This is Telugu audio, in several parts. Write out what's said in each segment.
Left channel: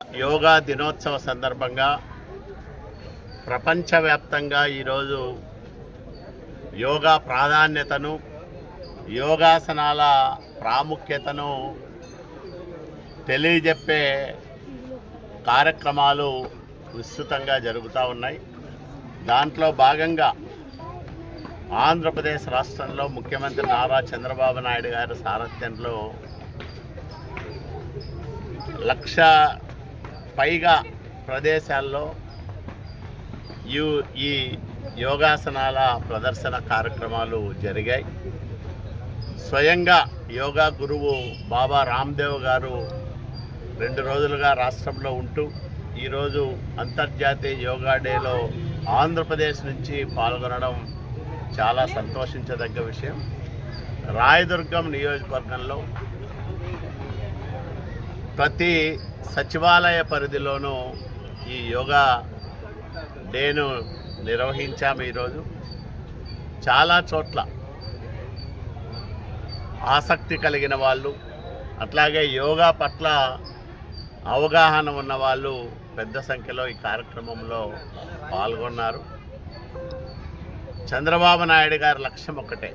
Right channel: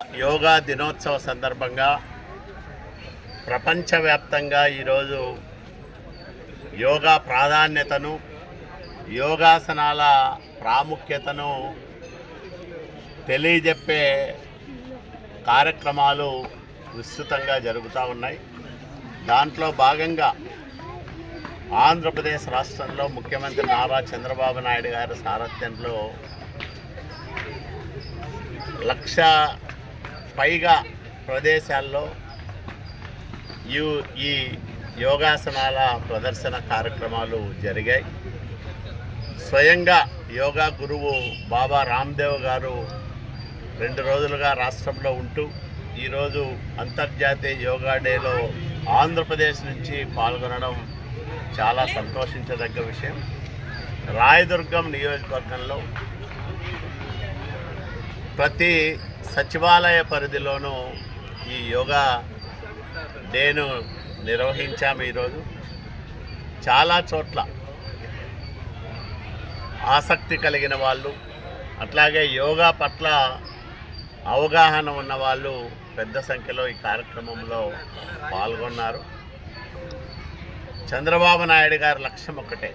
యోగా దినోత్సవ సందర్భంగా ప్రపంచవ్యాప్తంగా ఈరోజు యోగా ప్రాధాన్యతను, యోగాసనాల ప్రాముఖ్యతను తెలియజెప్పే కార్యక్రమాలు విస్తృతంగా జరుగుతూ ఉన్నాయి. దాంట్లో భాగంగా ఆంధ్రప్రదేశ్ రాష్ట్రంలో ముఖ్యమంత్రి నారా చంద్రబాబు నాయుడు గారి సారథ్యంలో 1,00,000 పైగా ప్రదేశాల్లో ఈ యోగాసనాల ప్రదర్శన కార్యక్రమాలు జరిగాయి. స్వయంగా యోగా గురువు బాబా రామ్దేవ్ గారు 2 రోజులుగా రాష్ట్రంలో ఉంటూ ఈరోజు అంతర్జాతీయ యోగా డేలో ఆంధ్రప్రదేశ్ నుంచి పాల్గొనడం చాలా సంతోషించదగ్గ విషయం. రాయదుర్గం నియోజకవర్గంలో ప్రతి సచివాలయ పరిధిలోనూ ఈ యోగా డేను నిర్వహించాము. ఈరోజు చాలా చోట్ల ఆసక్తి కలిగిన వాళ్ళు, అట్లాగే యోగా పట్ల అవగాహన ఉన్న వాళ్ళు పెద్ద సంఖ్యలో ఈ కార్యక్రమంలో పాల్గొన్నారు. చంద్రబాబు నాయుడు గారి లక్ష్యం ఒకటే,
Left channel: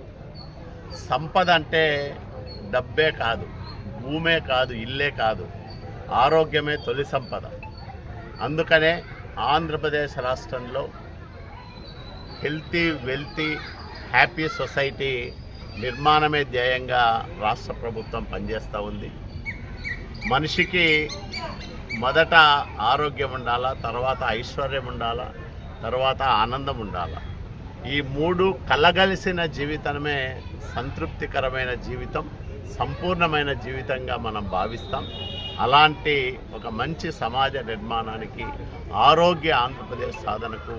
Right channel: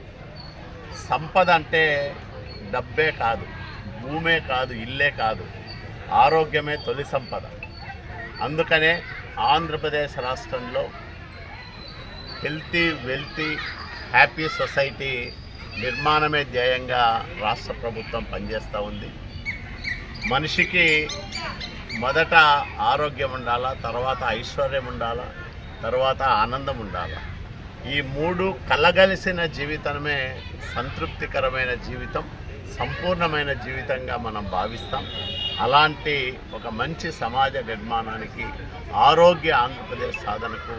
సంపద అంటే డబ్బే కాదు, భూమే కాదు, ఇల్లే కాదు, ఆరోగ్యమే తొలి సంపద. అందుకనే ఆంధ్రప్రదేశ్ రాష్ట్రంలో హెల్తీ, వెల్తీ, హ్యాపీ సొసైటీ నిర్మాణమే ధ్యేయంగా రాష్ట్ర ప్రభుత్వం పనిచేస్తూ ఉంది. మనిషికి మొదట ఆరోగ్యం ఉండాలా, తర్వాత ఐశ్వర్యం ఉండాలా, తర్వాత ఆనందం ఉండాలా. ఈ 3 కలగలిసిన జీవితమే సంతృప్తికరమైన జీవితం, సంపూర్ణమైన జీవితంగా మనం భావిస్తాం. అలాంటి ఒక మంచి సమాజ నిర్మాణానికి, ఆరోగ్య ఆంధ్రప్రదేశ్ సాధనకు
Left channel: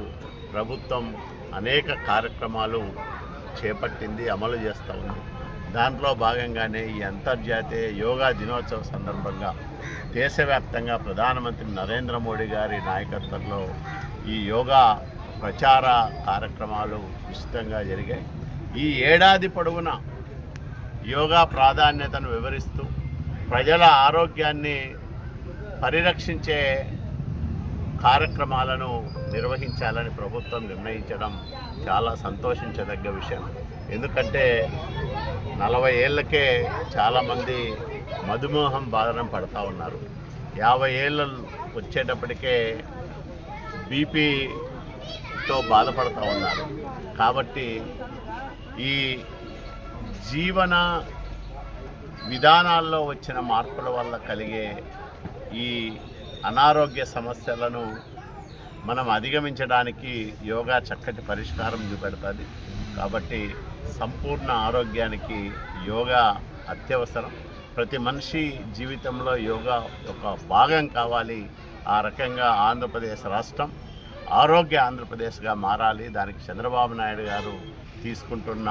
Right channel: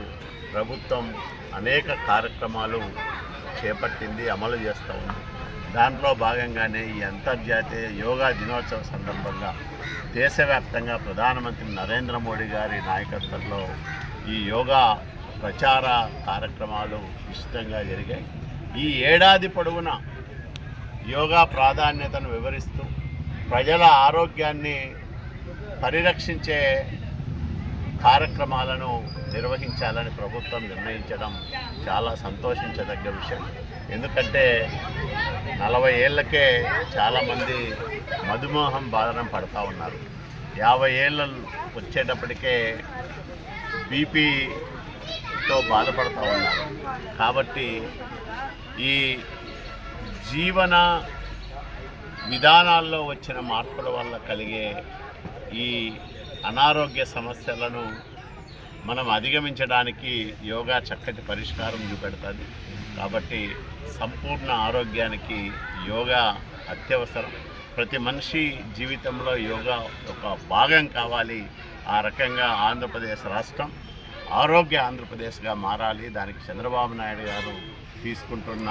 ప్రభుత్వం అనేక కార్యక్రమాలు చేపట్టింది, అమలు చేస్తూ ఉంది. దాంట్లో భాగంగానే ఈ అంతర్జాతీయ యోగా దినోత్సవ సందర్భంగా దేశవ్యాప్తంగా ప్రధానమంత్రి నరేంద్ర మోడీ గారి నాయకత్వంలో ఈ యోగా ప్రచార కార్యక్రమాలు విస్తృతంగా జరిగాయి. ఈ ఏడాది పొడవునా యోగా ప్రాధాన్యతను వివరిస్తూ ప్రజల ఆరోగ్యాన్ని పరిరక్షించే కార్యక్రమాలను నిర్వహించాలని ప్రభుత్వం నిర్ణయించడం చాలా సంతోషించదగ్గ విషయం. ఎందుకంటే 40 ఏళ్ళకే చాలామంది మధుమేహం బాధన పడుతూ ఉన్నారు. 50 ఏళ్ళు వచ్చేటప్పటికే బీపీతో బాధపడుతూ ఉన్నారు. కాబట్టి ఈ జీవన విధానాల్లో వచ్చిన మార్పుల వల్ల కలిగే ఈ అనారోగ్య సమస్యలను మనం అధిగమించడానికి యోగా చక్కటి పరిష్కారం చూపెడుతుంది. కాబట్టి సంపూర్ణ ఆరోగ్యానికి యోగా అత్యవసరం. ప్రతి మనిషి జీవితంలో యోగా ఒక భాగం కావాలి. ఆ రకంగా ఆంధ్రప్రదేశ్ రాష్ట్రం ఆరోగ్య ఆంధ్రప్రదేశ్గా మారాలి. దానికి చంద్రబాబు నాయుడు గారు తీసుకుంటున్న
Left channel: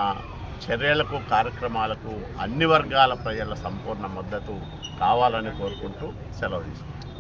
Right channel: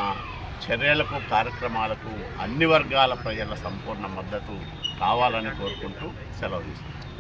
చర్యలకు, కార్యక్రమాలకు అన్ని వర్గాల ప్రజల సంపూర్ణ మద్దతు కావాలని కోరుకుంటూ సెలవు తీసుకుంటాం.